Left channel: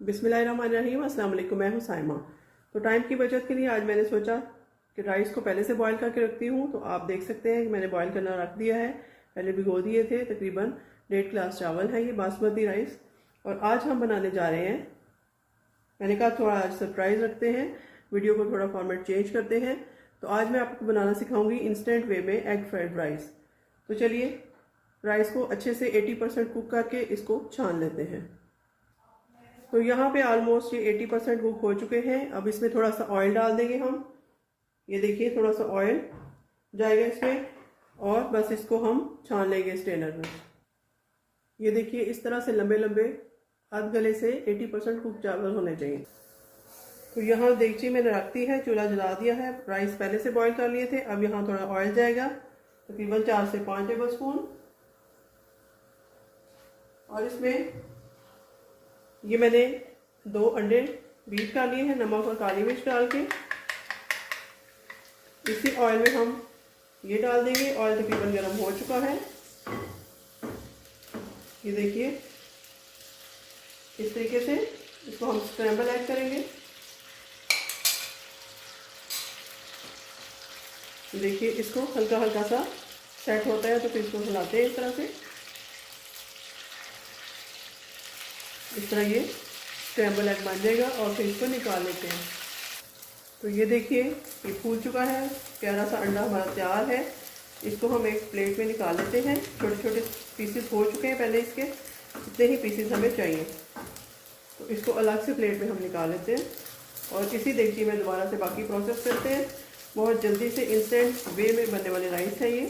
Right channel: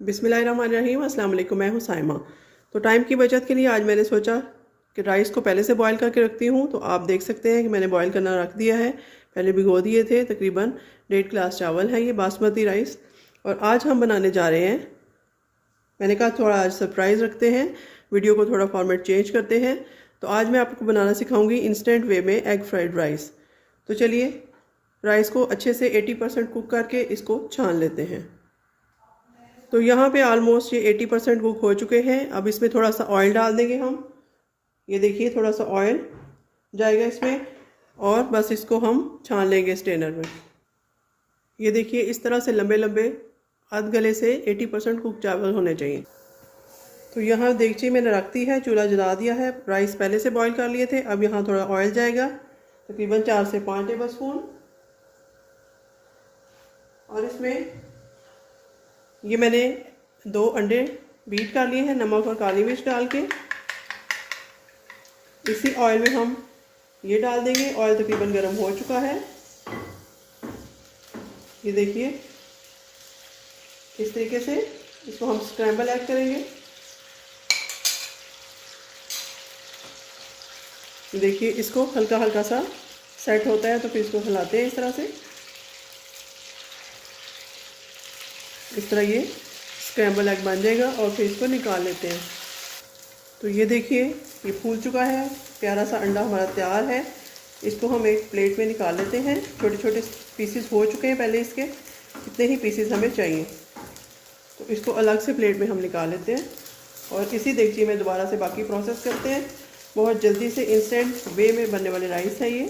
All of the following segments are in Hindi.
बिस्मिल्लाहिर्रहमानिर्रहीम, अस्सलाम वालेकुम। मैं हूँ साइमा। तो टाइम की बचत के लिए आज मैंने सोचा कि राइस को पहले से बॉईल करके रखती हूँ। तो आप देख सकते हैं कि मैंने बॉईल करना रख दिया है। पहले भिगो दिए थे। तकरीबन 1.5 गिलास चावल है ये बासमती राइस। और आज हम बनाने जा रहे हैं, मैंने कहा थोड़ा आज सरप्राइज़ रखते हैं, वीडियो को थोड़ा फॉर्मेट चेंज करते हैं। तो आज मैं आपको बनाना सिखाऊंगी इंस्टेंट वे में एग फ्राइड राइस। तो चलिए राइस को अच्छे से 80% कुक करके इसको छान लेते हैं। तो यहाँ पे ऑलमोस्ट ये 80% कुक हो चुके हैं। अब इसमें थोड़ा सा ऑयल डाल देंगे हम। ये देखिए थोड़ा सा ऑयल जाएगा इसमें और बस इसको हम छान लेंगे स्ट्रेनर में। ये देखिए इस तरह से लंबे लंबे आध गले से 80% कुक चावल होने चाहिए। तो यहाँ देगची मैंने रख दी है, चूल्हा जला दिया है। राइस पहले से बॉईल कर लिए थे। अब यहाँ थोड़ा ऑयल जाएगा, तकरीबन 4 से 5 टेबल स्पून। और इसमें ये मैंने 2 अंडे बीट कर लिए हैं नमक और काली मिर्च डाल के। इसी ऑयल में हम ये डाल देंगे। ऑयल तकरीबन गर्म हो चुका है। ये देखिए इस तरीके से इसको हम स्क्रैम्बल ऐड करेंगे। देखिए इसको हल्का हल्का सा सेट होता है तो फिर इसको हिलाते हैं इस तरह से। इस तरह ये स्क्रैम्बल एग बन जाएगा और फिर इसको निकाल लेते हैं। तो ये देखिए ये फूल चुका है, प्यारा सा अंडा हमारा तैयार है। इसको हम एक प्लेट में निकाल लेते हैं। छोटे छोटे पीसेस हो चुके हैं पहले इसके, इतने ही पीसेस हमें चाहिए। तो इसको अलग से प्लेट में हम निकाल लेते हैं और इसी देगची में दोबारा से बाकी प्रोसेस करते हैं। बहुत जल्दी से इंस्टेंट वे में बनने वाले राइस है ये।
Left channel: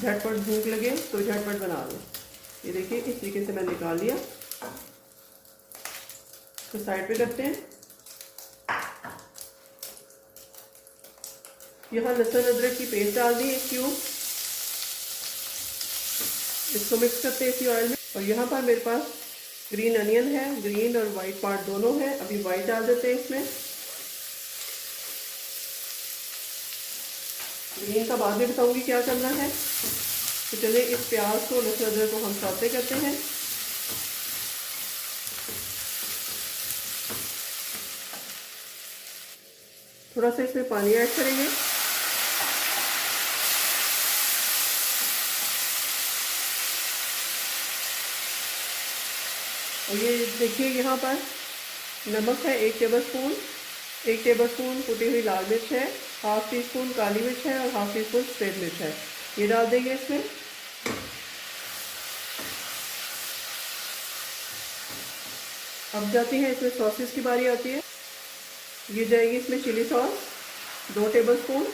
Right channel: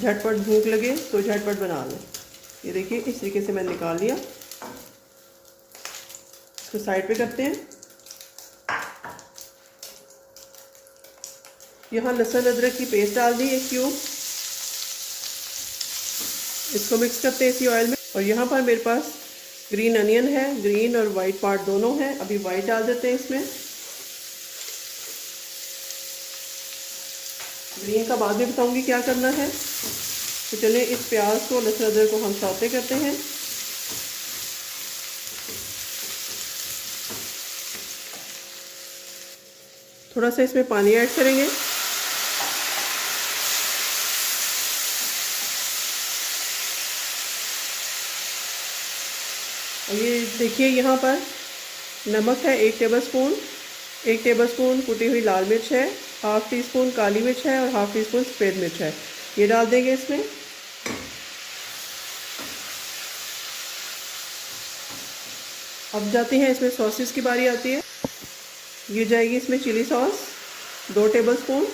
झटपट भूख लगे तो झटपट बना लो। ये देखिए इस तरीके से मैंने निकाल लिया। इसको साइड पे करते हैं। यहाँ लहसुन अदरक की पेस्ट डाल दी 1 क्यूब। इसको मिक्स करते हैं इसी ऑयल में। और यहाँ पर मेरे पास ग्रीन अनियन है, ग्रीन और वाइट पार्ट दोनों है। अभी वाइट डाल देते हैं इसमें। ग्रीन का बाद में बताऊंगी क्या करना है। तो चलिए इस प्याज को लहसुन अदरक को हम सौते करते हैं। थोड़ा सा इसमें पानी ऐड करेंगे। और ये देखिए यहाँ पर नमक है 1 टेबल स्पून। 1 टेबल स्पून कुटी हुई लाल मिर्च है, हाफ टी स्पून काली मिर्च है और हाफ टी स्पून सफ़ेद मिर्च है। ये डाल देंगे इसमें। अब जाती है इसमें सॉसेस की बारी आती है। ये जाएगी इसमें chilli sauce 2 tablespoon,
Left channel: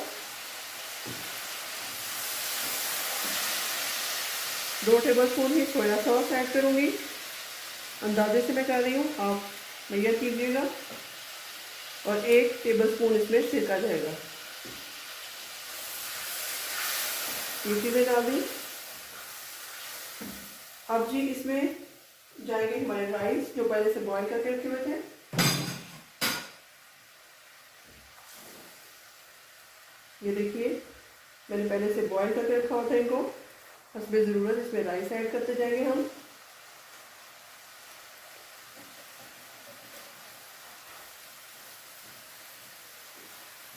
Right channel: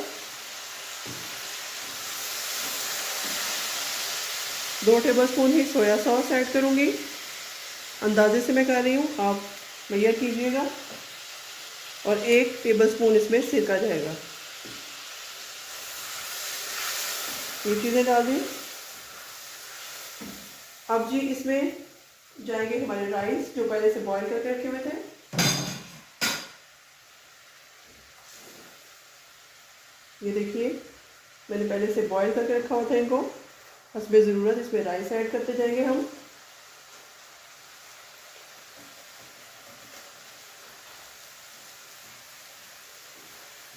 2 tablespoon ही सोया सॉस ऐड करूँगी। अंदाजे से मैं कर रही हूँ, आप मेजर कीजिएगा। और 1 टेबल स्पून इसमें सिरका जाएगा। ये चीज़ें डाल दी। अब जी इसमें जाएंगे हमारे राइस जो पहले से बॉईल करके रखे हुए थे। ये देखिए मैंने पहले से बॉईल करके रखा हुआ था इनको। हस्बे ज़रूरत इसमें राइस ऐड करते जाएंगे हम।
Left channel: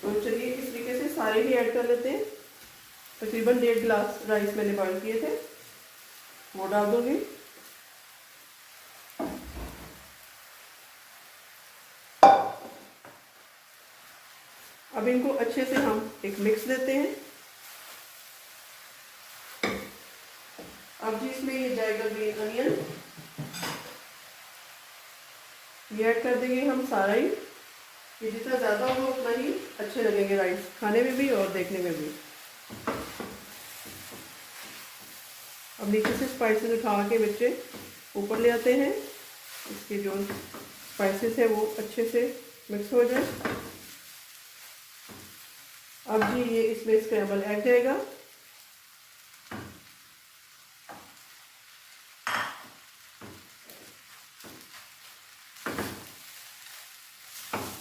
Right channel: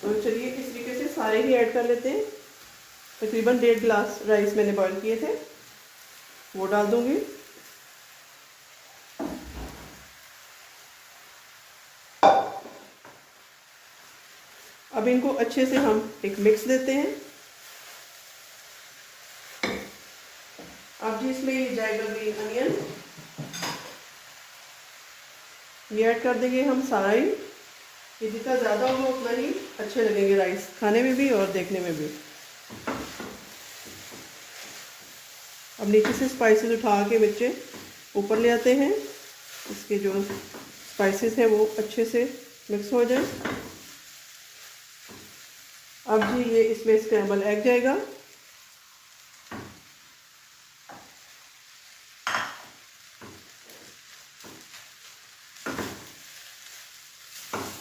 तो चलिए इस तरीके से सारे ही ऐड कर लेते हैं। तकरीबन 1.5 गिलास राइस मैंने बॉईल किए थे, वो डाल दूंगी। अब इनको अच्छे से हम एक मिक्स देते हैं। अब जी इसमें ये जाएगा ग्रीन अनियन, ये ऐड कर देंगे हम सारा ही। ये जितना ज़्यादा हो उतना ही अच्छे लगेंगे राइस खाने में भी और देखने में भी। अब नीचे से स्पाइसेस उठा के बच्चे ऊपर ले आते हैं। इसके जो स्पाइसेस है वो अच्छे से मिक्स हो जाए। अब जी ये इसमें स्क्रैम्बल एग जाएगा।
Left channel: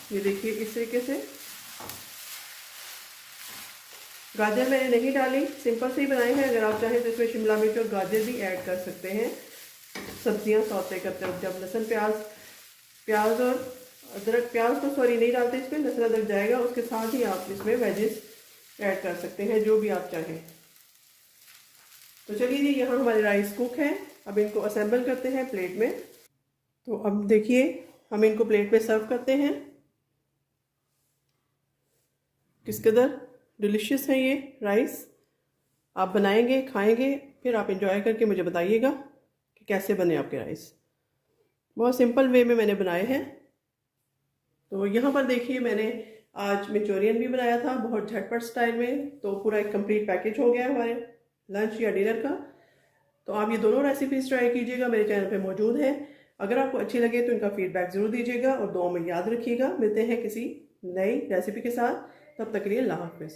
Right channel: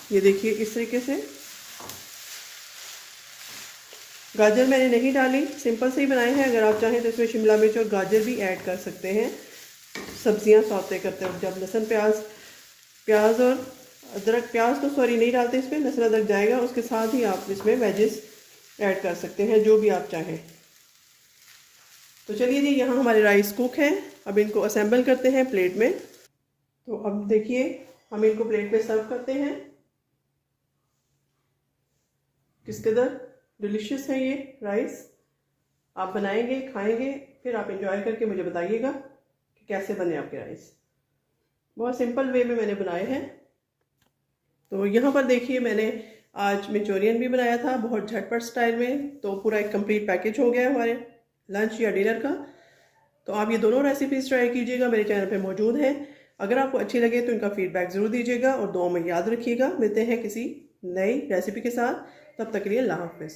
ये देखिए इस तरीके से। गाजर मैंने नहीं डाली, सिंपल से ही बनाए हैं। अगर आप चाहें तो इसमें शिमला मिर्च और गाजर भी ऐड कर सकते हैं सब्जियां सौते करते वक्त। जब लहसुन प्याज प्याज और अदरक, प्याज तो सॉरी नहीं डालते इसमें, लहसुन अदरक जाएगा, उसके साथ ही आप इसमें वेजेस ऐड कर सकते हैं जो भी आप चाहें। तो चलिए जी, यहाँ हमारे राइस कुक हैं, अब इनको असेंबल करते हैं प्लेट में। तो अब देखिए हम इनको प्लेट में सर्व करते हैं। किस कदर डिलीशियस है ये राइस। आप बनाएंगे, खाएंगे, फिर आप इंजॉय करके मुझे बताइएगा कि कैसे बने आपके राइस। बहुत सिंपल वे में मैंने बनाए हैं। तो यहाँ पर देखिए मैंने आज मंचूरियन भी बनाया था बहुत झटपट स्टाइल में, तो पूरा एक कंप्लीट पैकेज हो गया हमारे लंच या डिनर का। तो आप ये दोनों रेसिपीज़ ट्राई कीजिएगा, मेरे चैनल पे मौजूद हैं। अगर आपको अच्छी लगे तो इनका फीडबैक ज़रूर दीजिएगा और दुआ में याद रखिएगा। मिलते हैं किसी नई रेसिपी के साथ, तब तक के लिए अल्लाह हाफ़िज़।